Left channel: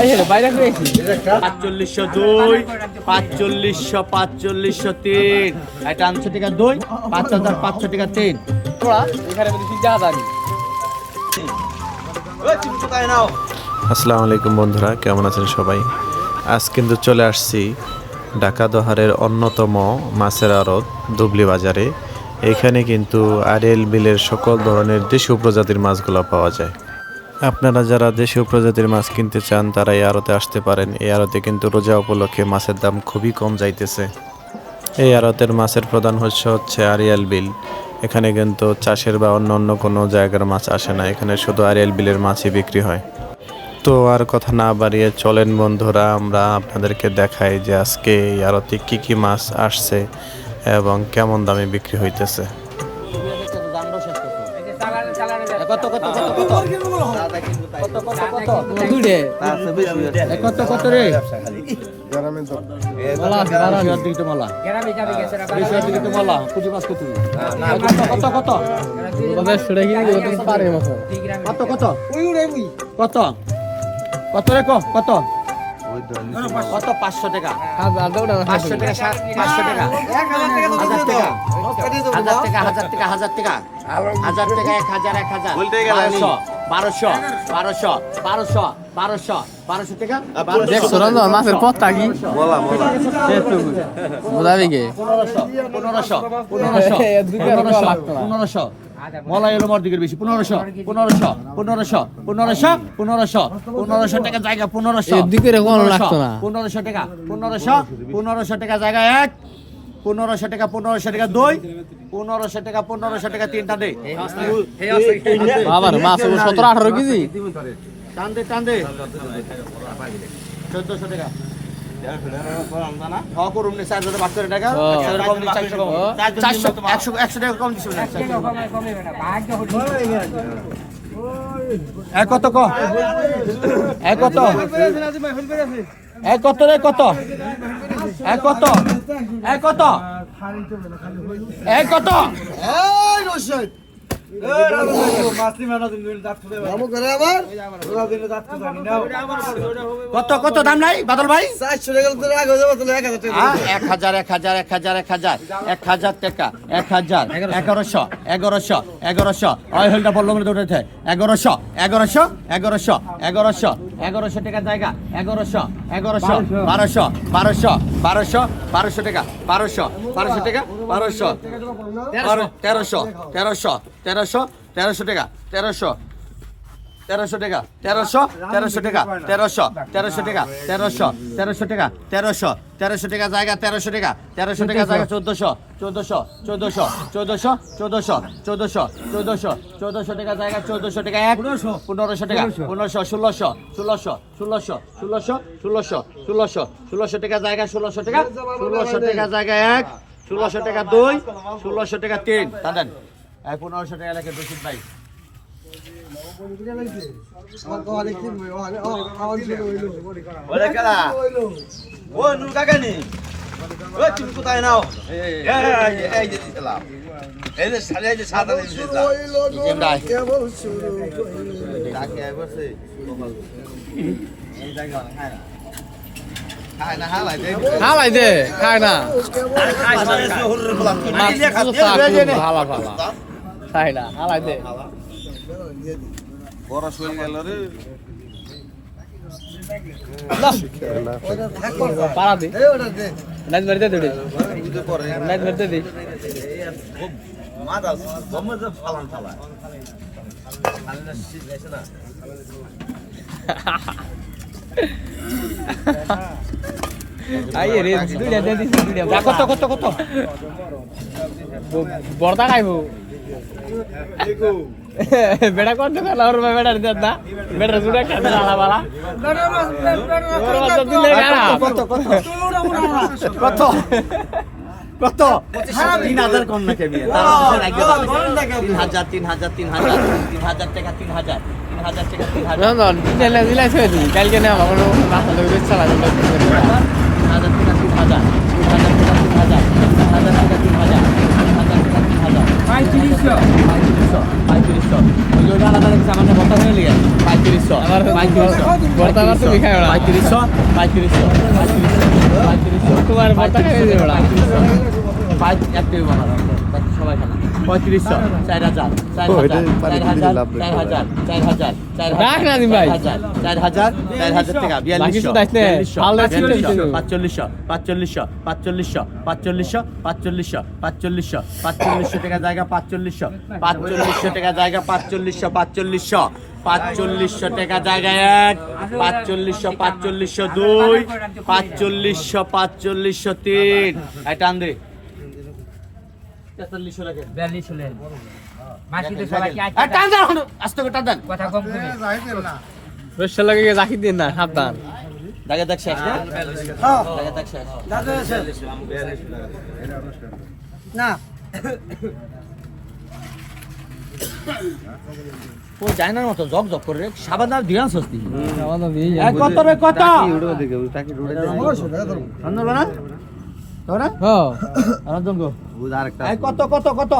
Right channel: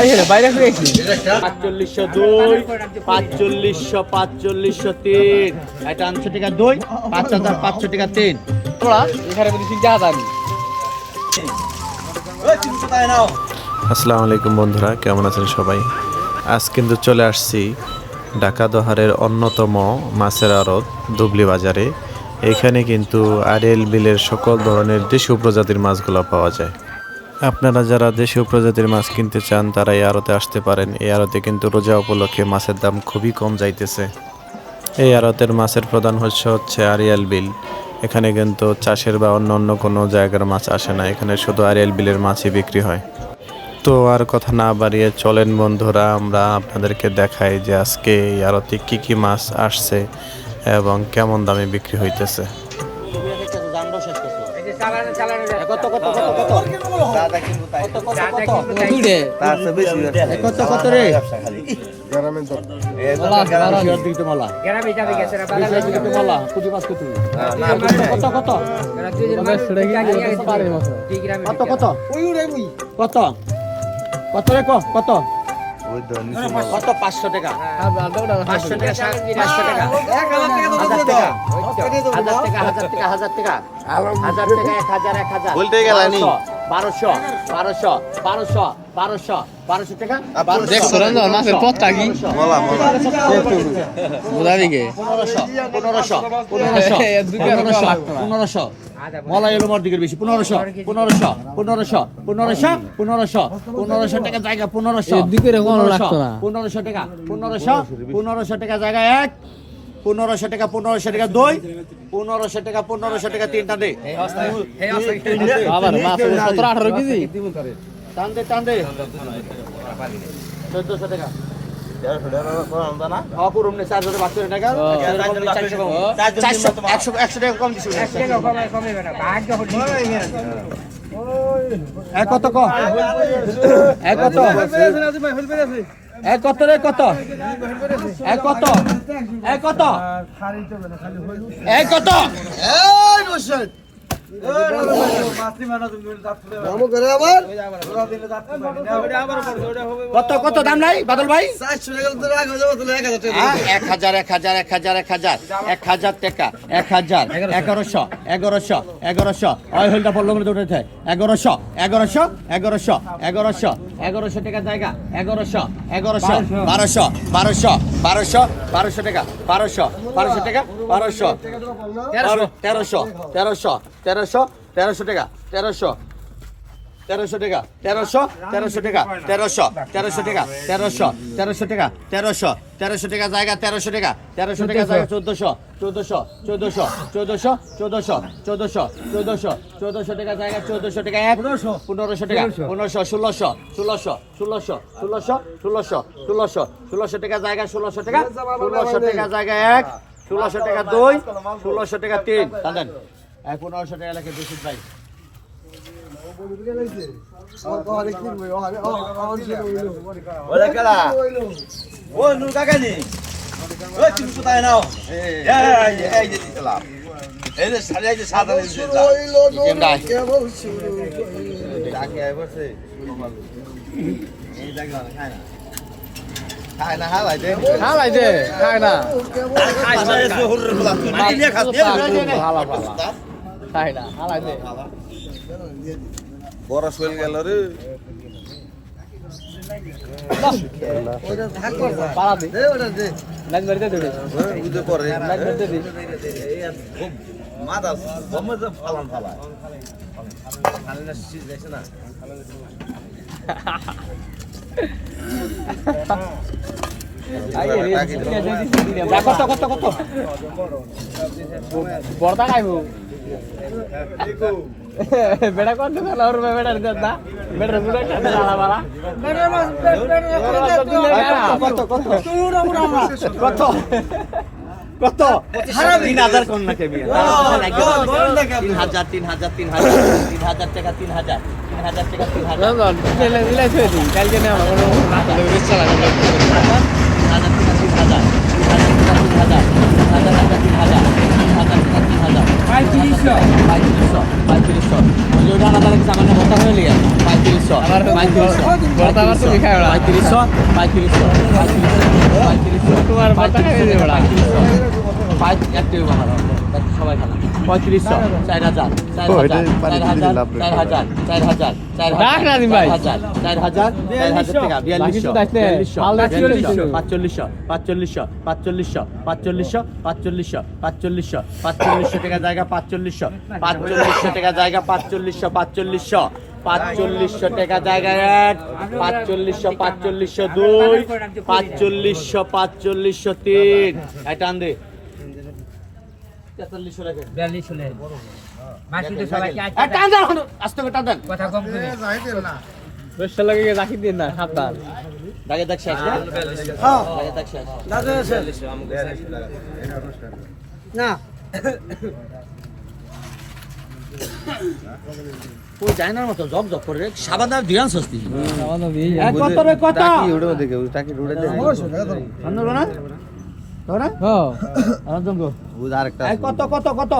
4500 2 4500 4500 3 এটা 500 টাকা 2 5500 টাকা 3 আসসালামু আলাইকুম বন্ধুরা, কেমন আছেন সবাই? আজ কিন্তু চলে আসছি ঢাকা দহারের অন্যতম মাছের আড়ত ধুবলি বাজারে। এখানে কিন্তু আড়িয়াল বিলের সকল ধরনের দেশীয় প্রজাতির মাছগুলো পাওয়া যায়। আপনারা যারা দেশীয় প্রজাতির মাছ কিনতে চান তারা এই আড়তে আসতে পারেন। এই আড়তে কিন্তু রোজা উপলক্ষে মাছের দাম খুবই কম যাইতেছে। এই আড়তের মাছের প্রধান হচ্ছে আড়িয়াল বিল। এখানে কিন্তু চাষের বা অন্য কোনো জায়গার মাছ আসে না, এখানে শুধু আড়িয়াল বিলের মাছই বিক্রি হয়। তো আর কথা না বাড়িয়ে চলেন বন্ধুরা, আমরা আপনাদেরকে দেখাই যে আজকে এই আড়তে কী কী মাছ আসছে এবং কেমন দামে বিক্রি হইতেছে। মাছের পথটা কি মলাই এলো মোর দিকের বেশি 1500 টাকা জায়গা 1500 টাকা 1500 টাকা জায়গা 1 1500 টাকা 1500 টাকা 2 1500 টাকা 1500 টাকা তিনটা দে আবার মাছ 17 18 কেজি টান দে 1400 টাকা কত দাম নাই বাদল ভাই? 1000 টাকা 1100 ওই হলটা বললো মনে উঠেছে 1100 টাকা জায়গা 1100 1200 টাকা 1200 টাকা 1300 টাকা 1300 টাকা 1300 টাকা জায়গা 1300 টাকা জায়গা 1400 টাকা জায়গা 1400 টাকা 1500 টাকা 1600 টাকা জায়গা 1600 টাকা জায়গা 1 1600 টাকা 2 1600 টাকা 3 টানেন 1500 টাকা লেখে বেশি ভাই হালাই দে খায় না হালাই দে বড় শরীর গেল রে কত বড়টা খাইবো বেটা করতে না আর বেটার দাদা বেটার জুড়ে খেতে না বালা কত 3000 কম না কেবি 3000 টাকা 3000 না না দিলে দিলে কালকে না অন্য কাছে বেচা 3500 3500 লোডা না দাঁড়াচ্ছে আমাদের কথা হয়ে লিয়া 3500 বর্তা বর্তা লিখা হলো 3500 তোমার বর্তা খাই দে বড়া ও, এটা পানি দিলে লাভ বেশি হয়। 4000 রাখ নাজিম ভাই 4000 টাকা বাকি শুধু আসছে, আল্লাহ 4500 টাকা জায়গা 4500 টাকা জায়গা 4500 টাকা জায়গা 1 4500 2 4500 3 এটা আন দে 4300 লাগে 42 হলেন মাসি তো সবাই কি টান দেন আস্তে করে টান দেন কথা কম করে রসা লাগে রাখি দিন না সাবধান দাগে দেখ শেষ হ্যাঁ দাগে দেখ শেষ না তো জানার মতো জব করে সাবান আর ধ্যান সস্তি কত রে কত টাকি উড়ে দেখে টাকি উড়ে দেখে আন্দো না তোরা হ্যাঁ আনন্দ গো বুঝ আরেকটা কত কত কত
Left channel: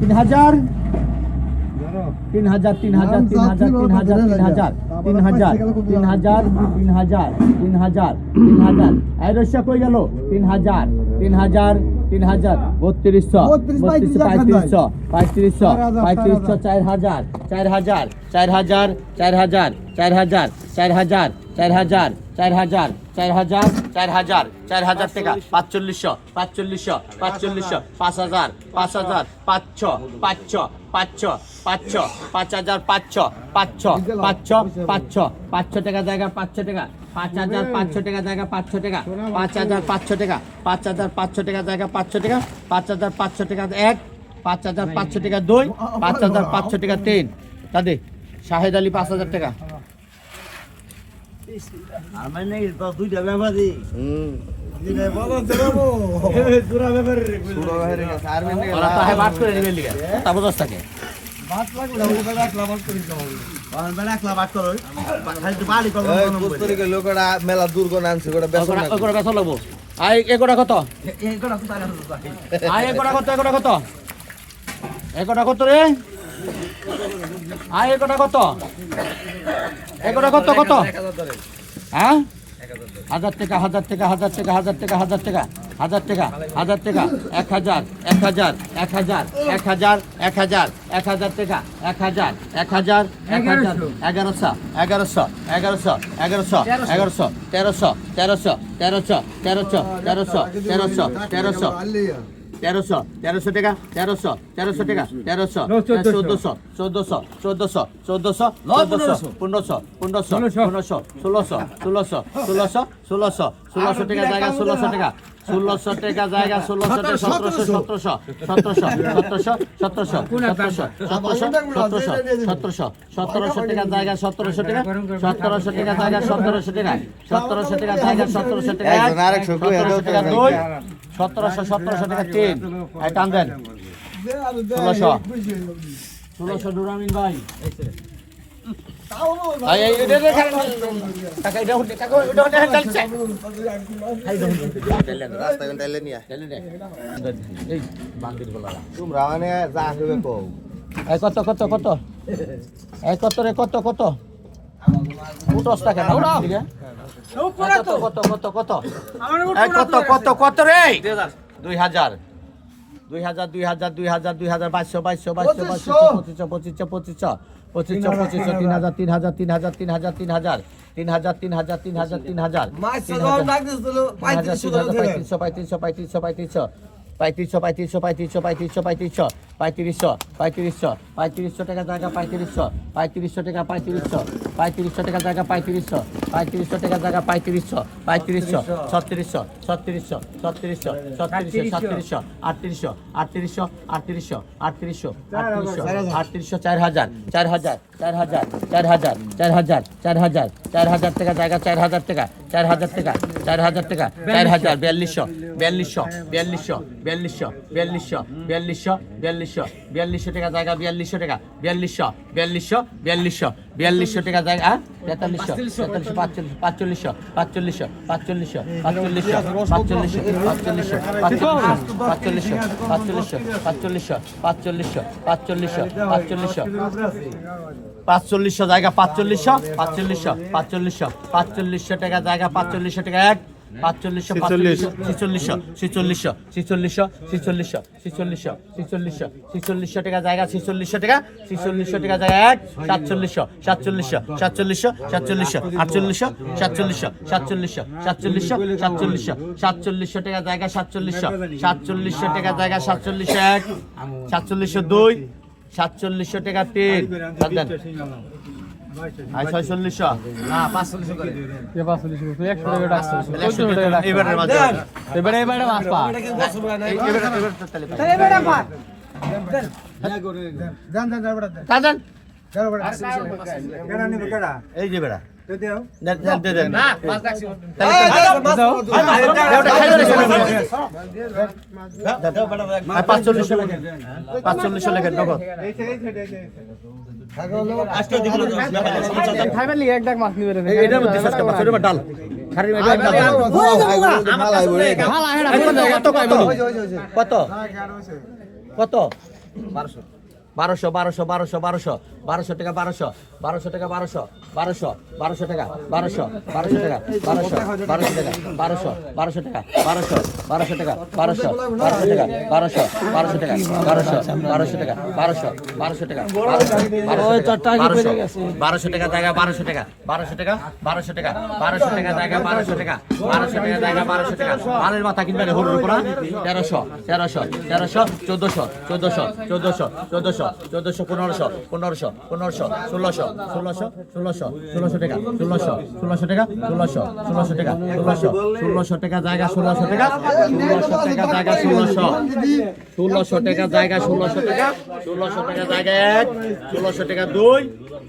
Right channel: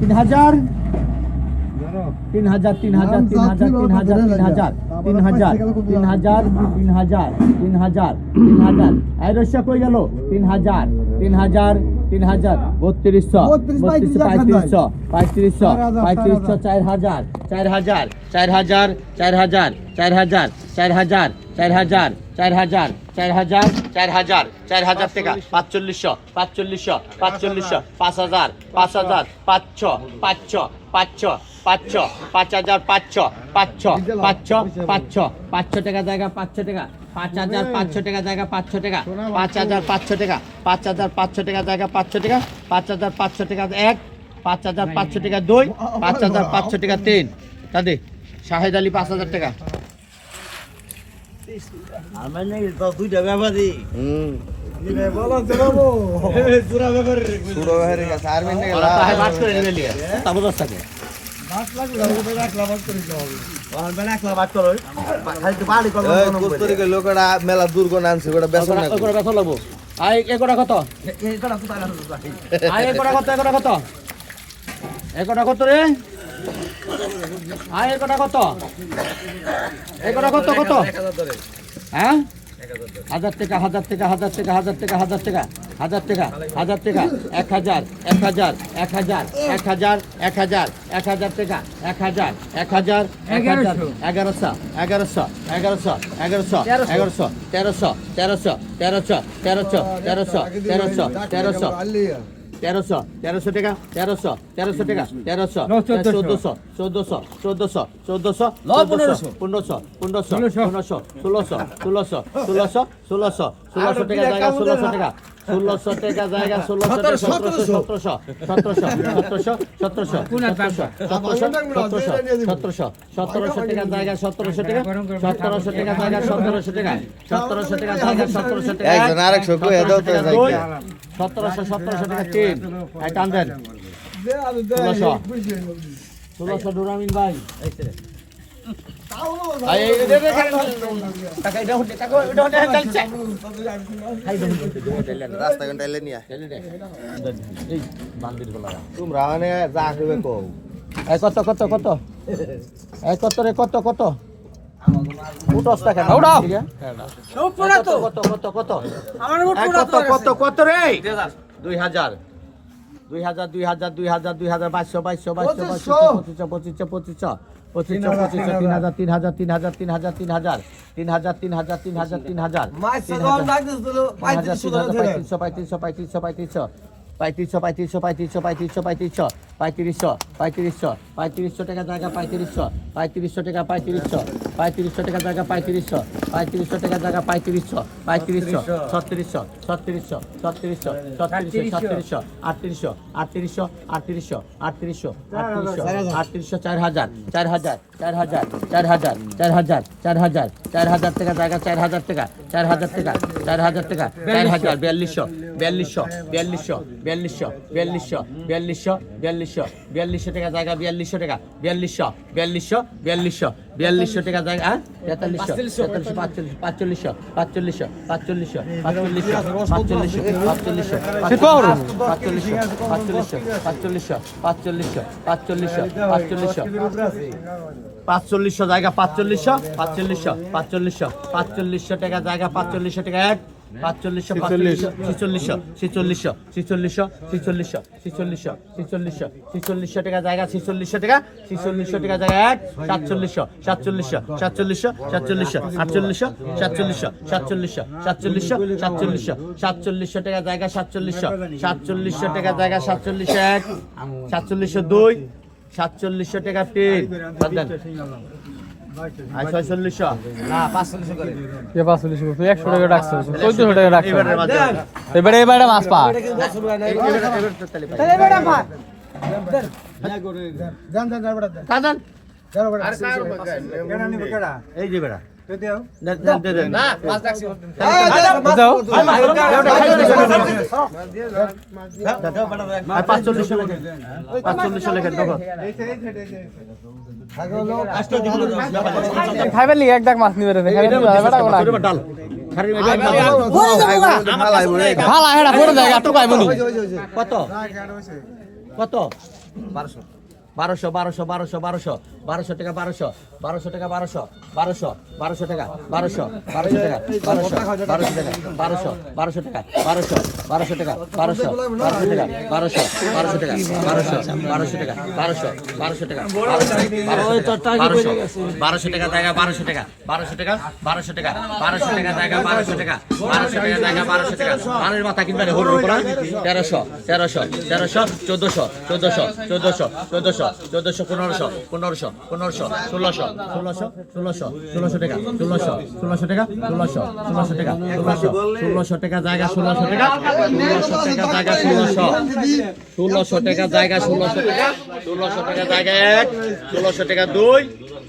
তিন হাজার আইরসা কই গেল 3000 3200 3500 4000 টাকা 4500 5000 5000 টাকা জায়গা 500 টাকা 5500 টাকা জায়গা 500 টাকা 5500 টাকা 5500 টাকা জায়গা 500 টাকা 5500 টাকা 1 5500 টাকা 2 5500 টাকা 3 দাদি শাহেদ আলী 5000 টাকা আমার নাকি তো দুইটা ব্যাপারই ওরা তাহে মাছ করে নেবে লিয়া তাবদস থাকে মেলা দুর্গণ আনছে ওটা বেসন না ওগুলো কত লবো আই এগুলো কত আই এগুলো কত এগুলো কত রে আই এগুলো কত হ্যাঁ 1000 টাকা 1000 টাকা 1000 টাকা 1000 টাকা 1000 টাকা 1000 টাকা 1000 টাকা 1000 1000 1000 1000 1000 1000 টাকা 1000 1000 1100 1100 1100 1100 1100 1300 1300 1300 1300 1300 টাকা 1300 টাকা 1300 1400 টাকা জায়গা 1600 টাকা 1600 টাকা জায়গা 1700 টাকা জায়গা 1700 টাকা 1700 টাকা জায়গা 1700 টাকা 1700 টাকা জায়গা 1700 টাকা 1700 টাকা 3 এটা আনবেন 1600 ডোরামিন ভাই তোমরা মানে যা করবে কও কত কত কত কত রে কত কত 10 টাকা কত রে 2000 3500 টাকা জায়গা 3500 টাকা 3500 টাকা জায়গা 3500 টাকা জায়গা 3500 3600 4000 টাকা জায়গা 4000 টাকা 4000 টাকা 4000 টাকা 4200 4200 4200 4200 4200 4200 4200 4200 টাকা জায়গা 4200 টাকা 4200 4200 4200 4200 টাকা জায়গা 4300 4500 4500 4500 4500 জায়গা 4500 টাকা জায়গা 4500 টাকা 1 4500 টাকা জায়গা 4600 টাকা 4600 টাকা জায়গা 1 4700 টাকা জায়গা 4700 টাকা জায়গা 4700 1 4700 2 4700 টাকা 3 4600 না 500 করে এবারে মাছ পা এই যে বেড়া না 5 রাখছি খাইবার লিগে এক দাগ মাছ নিবে রে ডাল ভালো হেডা করে দেয় এত কই বলু কত কত 1200 টাকা 1200 টাকা 1200 টাকা 1200 টাকা 1200 টাকা 1200 টাকা 1200 টাকা 1200 টাকা জায়গা 1200 টাকা 1200 টাকা 1200 টাকা জায়গা 1200 টাকা 1200 টাকা জায়গা 1200 টাকা আলুর মাথা কিনবে হলুদ উপর 1300 1400 1500 টাকা 1600 টাকা 1600 টাকা জায়গা 1600 টাকা 1600 টাকা জায়গা 1600 টাকা 1600 টাকা জায়গা 1 1600 টাকা 2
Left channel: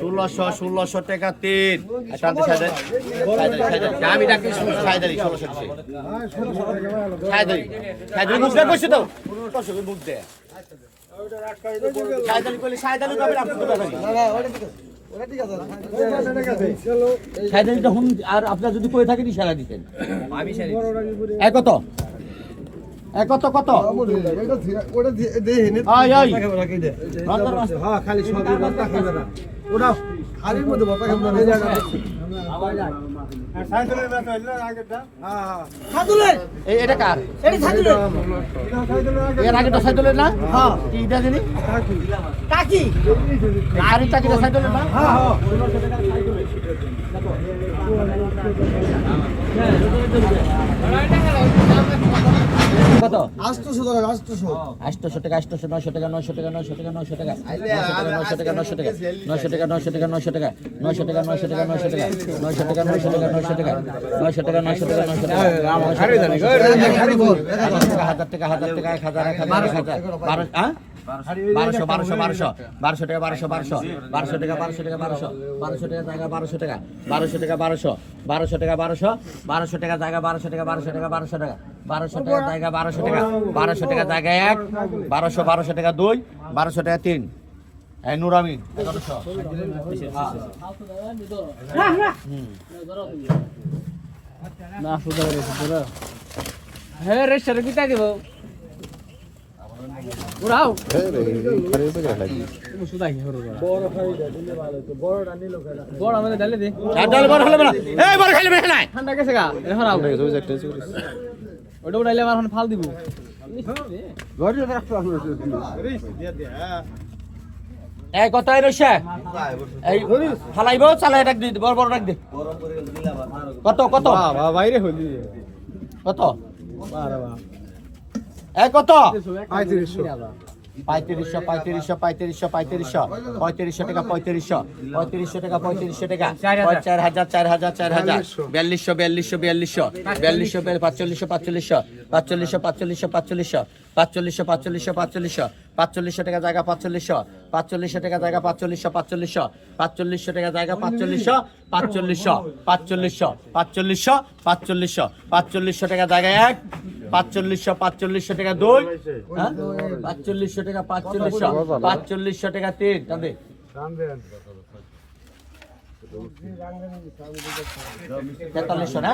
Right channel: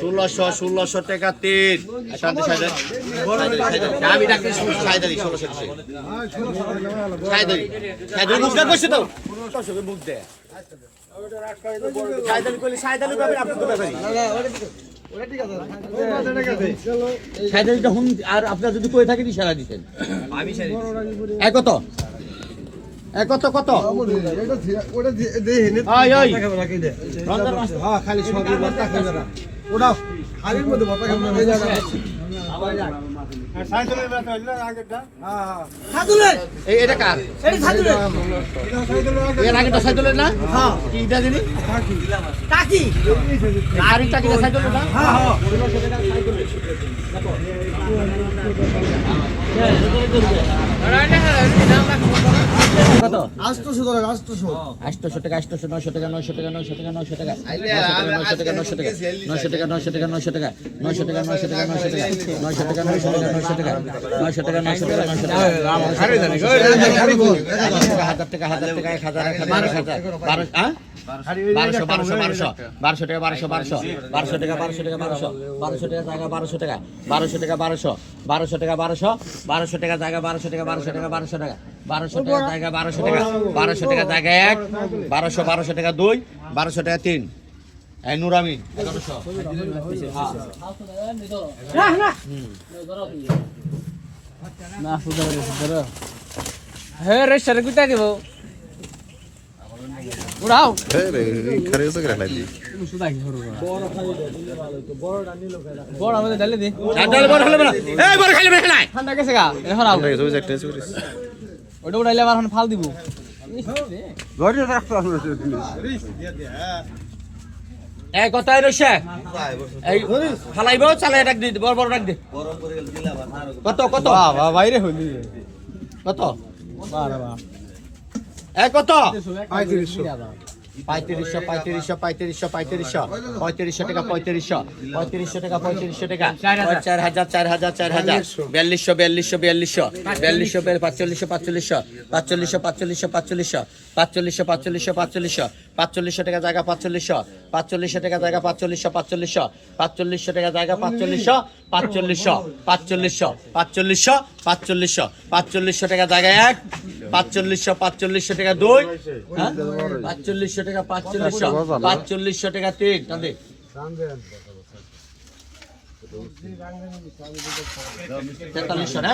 1600 টাকা 3 শান্তি সাইদের আমি ডাক্তার সাইদের 1600 সাইদের মুখ দিয়ে কইছে দাও মুখ দিয়ে আর আপনার যদি কয়ে থাকেন ইশারা দিতেন কত কত কত খালি সবই ভর্তা খাইবে না ওটা খালির মধ্যে ভর্তা খাইবে না এটা কার এর আগে তো সাইদুলের না হ্যাঁ কি এটা দিনি কাকি গাড়ি টাকি সাইদুলের না হ্যাঁ হ্যাঁ কত 800 টাকা 800 টাকা 800 900 টাকা 900 টাকা 900 টাকা 900 টাকা 900 টাকা 900 টাকা 900 টাকা 900 টাকা 900 টাকা 900 টাকা 900 টাকা 900 টাকা 900 টাকা 900 টাকা 900 টাকা 900 টাকা 900 টাকা 900 টাকা রাম খারি জানি গো খারি বল 1000 টাকা 1000 টাকা 1000 হ্যাঁ 1200 টাকা 1200 টাকা 1200 টাকা 1200 টাকা 1200 টাকা জায়গা 1200 টাকা 1200 টাকা 1200 টাকা 1200 টাকা জায়গা 1200 টাকা 1200 টাকা 1200 টাকা 1200 টাকা জায়গা 1200 টাকা 1200 টাকা জায়গা 1 1200 টাকা 2 1200 টাকা 3 এই নুরামি 1100 না সুদা রে সুদা হে রে সরে কুটা দেব উড়াও খারে তো করে লাগি সুদা কি করব বড় খালি দিলে ভালো তো বড়টা নিলো বড় আমাকে দিলে দে বড় খালি না এই বড় খালি না ঠান্ডা গেছে গা এখন আও আমরা তো একটা করিস ওটা উড়াইলে আমার এখন ফাল দিব ঘরে রাখতে আসলে এই কথাই রইছে এই ফালাইবো চালাই রাখ দি বড় বড় রাখ দে কত কত বাইরে হইলি কত এই কত 3500 3500 টাকা 3500 টাকা 4200 টাকা 4000 4500 টাকা জায়গা 4500 টাকা জায়গা 4500 টাকা জায়গা 4500 টাকা জায়গা 1 4500 4500 টাকা 2 হ্যাঁ 4500 টাকা 4500 টাকা 3 টানে 4300 না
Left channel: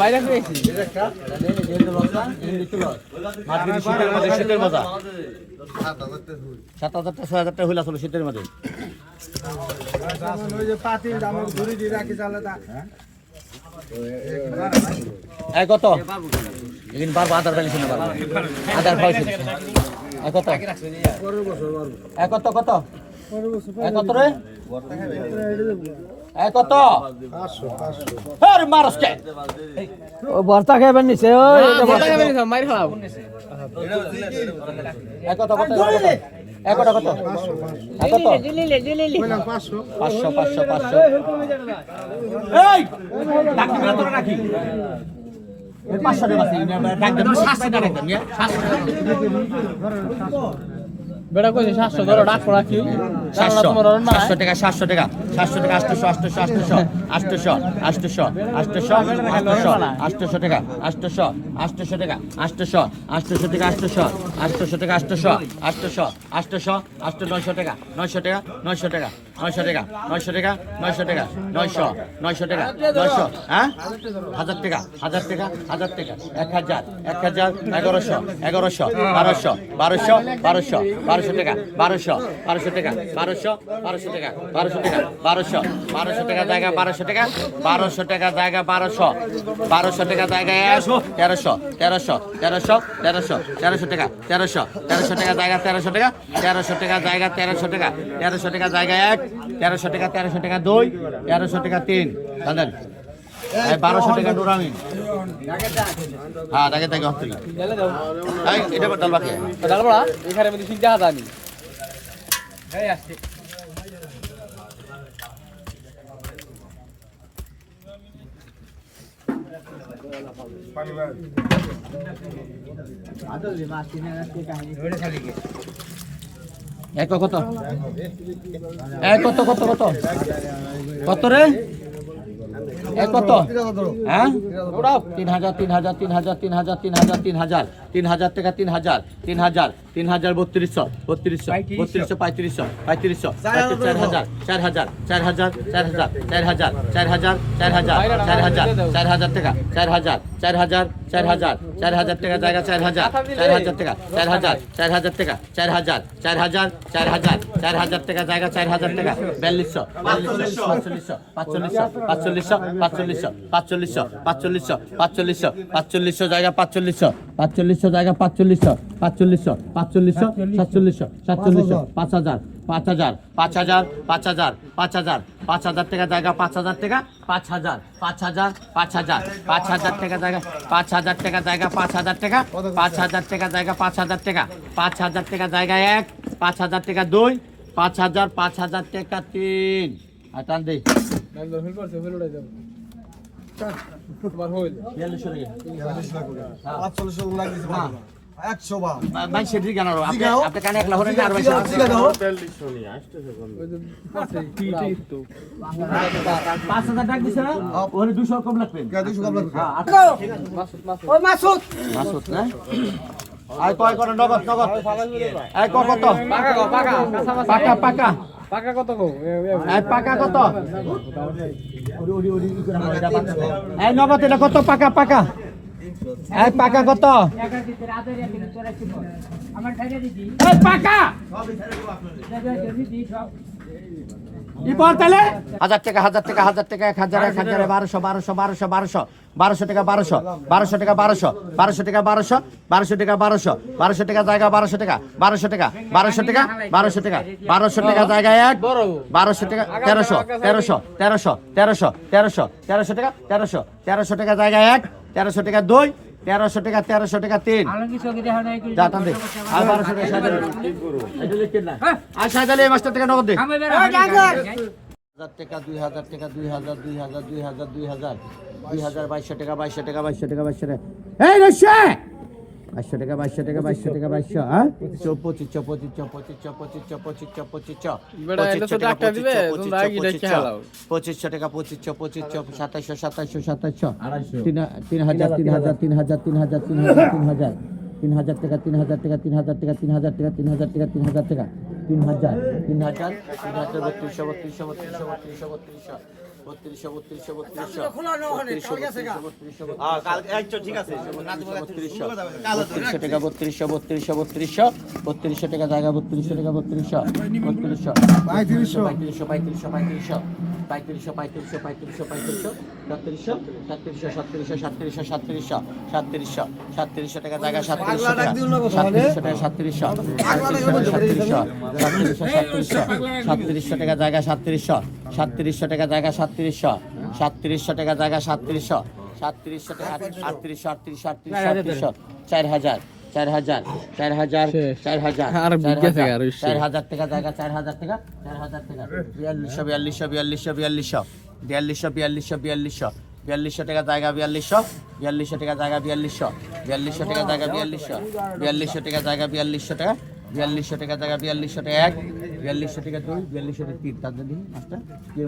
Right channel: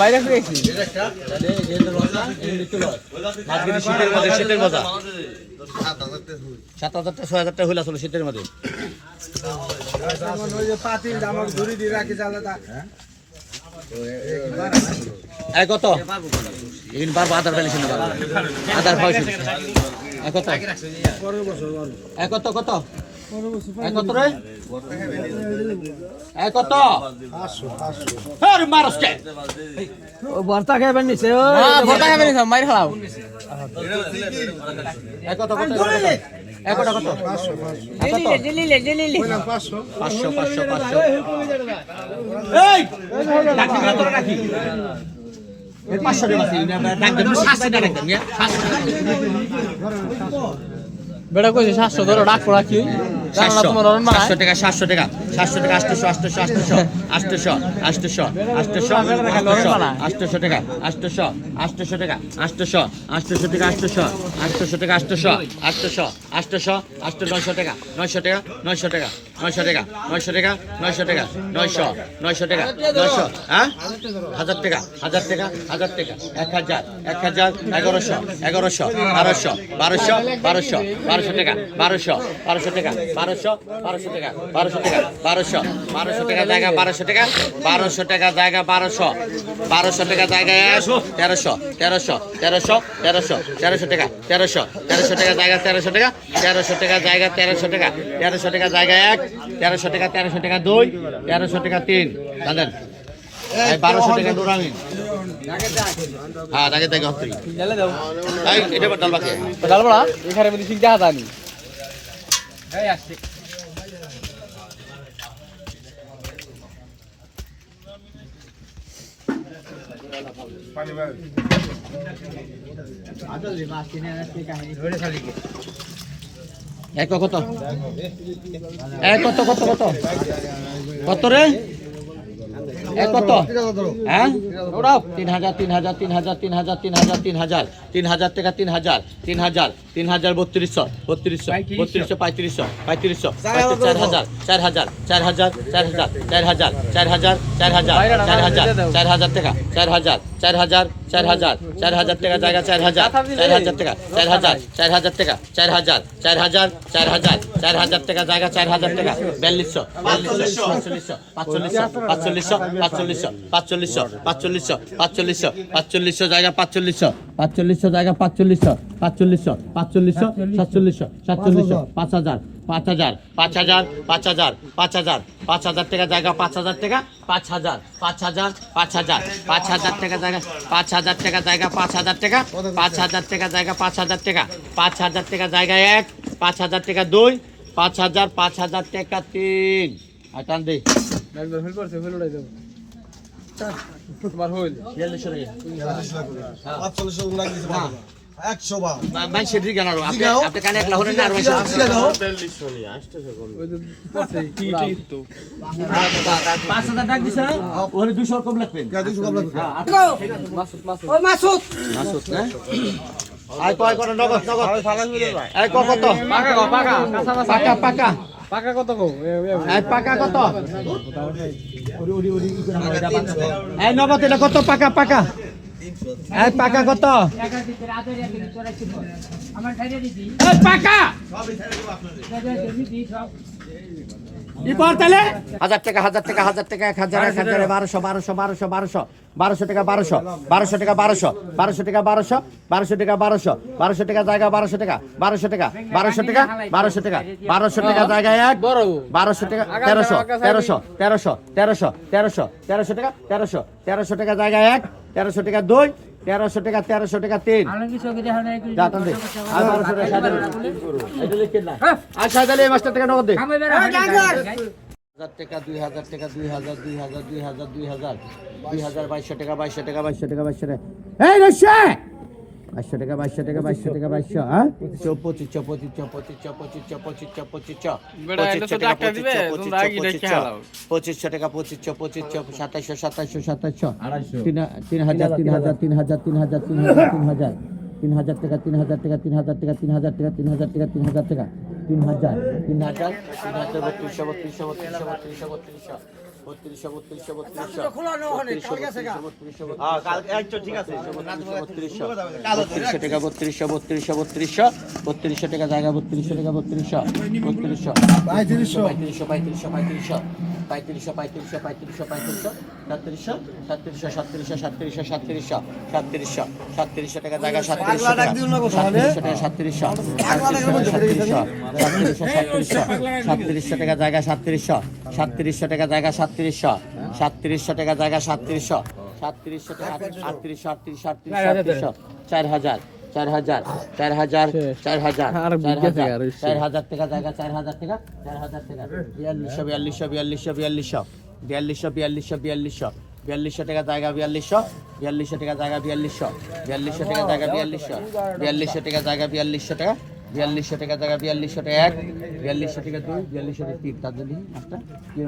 বাইরে পেয়েছি শীতের মজা 7000 টা 6000 টা হইলা চলো শীতের মধ্যে কত এদিন বারবার আধার কার্ড শুনে আধার পয়সা কত কত কত কত রে কত 500 আরে মারসকে ও বর্তা খাইবেন নিছে ও বর্তা খাইবেন নিছে মাইর খাও কত কত কত কত 500 জেলিলে 500 এই রাখি না তো রাখি 500 টাকা আছে না ডাক 700 টাকা দেন 700 টাকা বেটা কইছে 700 ধরো ডাক পড়া কি 700 টাকা 700 টাকা 800 টাকা 800 টাকা 900 টাকা 900 টাকা 900 টাকা 900 টাকা 900 হ্যাঁ 1000 টাকা 1000 টাকা 1000 1100 1200 টাকা 1200 টাকা 1200 টাকা জায়গা 1200 টাকা 1200 টাকা জায়গা 1200 টাকা জায়গা 1300 টাকা 1300 টাকা জায়গা 1300 টাকা 1300 টাকা জায়গা 1300 টাকা 1300 টাকা জায়গা 1 1300 টাকা 2 1300 টাকা 3 হাজার 1200 টাকা নুরামিন হ্যাঁ টাকা টাকা হচ্ছে এটা বদল বাকি ডালবড়া এখানে মধ্যে ঠিক জায়গা জানি এই আসছে কত কত কত রে কত হ্যাঁ 3000 টাকা 3000 3200 3500 4000 4000 টাকা 4000 টাকা জায়গা 4000 টাকা 4000 টাকা 4000 টাকা জায়গা 4000 টাকা 4200 4500 জায়গা 4500 জায়গা 4500 5000 টাকা জায়গা 5000 টাকা 5000 টাকা জায়গা 5000 টাকা জায়গা 5000 টাকা 5000 টাকা জায়গা 5000 টাকা 5000 টাকা জায়গা 1 5000 টাকা 2 5000 টাকা 3 টান দে একদম ফেল করছে ফেল উড়াই দাও তোমার হইল 4500 লাগছে 100 বা ভাই সেটি কেন আপনি কানে একলা হরেন না আর ওই যে পাশে কি তো 5000 টাকা দিছ ওরে 200 কম লাগবে 200 কম লাগবে ও মাসুদ না আই কয় করে নগদ আই কত পাকা কত গো আই পাকা কত এই নগদ এটা কত পাকা এই পাকা কত এই পাকা কি বলতেলে 1000 টাকা 1000 টাকা 1000 টাকা 1000 1200 টাকা 1200 টাকা 1200 টাকা 1200 টাকা 1200 টাকা জায়গা 1200 টাকা 1200 টাকা জায়গা 1 বড় 1200 টাকা 1300 টাকা জায়গা 1 1300 টাকা 2 1300 টাকা 3 আর সাজালে এই মাস্টার টাকা নগদ দে 1000 টাকা 2000 টাকা 2000 2200 টাকা 2200 টাকা এই রশে বাইশশো টাকা 2200 হ্যাঁ 2500 বেটা এটা তো ডাক্তার দিবে তোমরা আগে দেখে হালাও 2500 টাকা 2500 2700 3000 টাকা 3000 টাকা 3200 টাকা জায়গা 3200 টাকা 3700 টাকা জায়গা 3700 টাকা জায়গা 3700 টাকা জায়গা 3700 টাকা জায়গা 3700 4000 আর বিজ্ঞা থেকে আর 4000 টাকা জায়গা 4000 টাকা 4200 টাকা জায়গা 4200 টাকা জায়গা 4200 টাকা জায়গা 4200 টাকা জায়গা 4200 টাকা 4200 টাকা জায়গা 4200 টাকা 1 4200 টাকা 2 4200 টাকা 3 তার জন্য একটা কি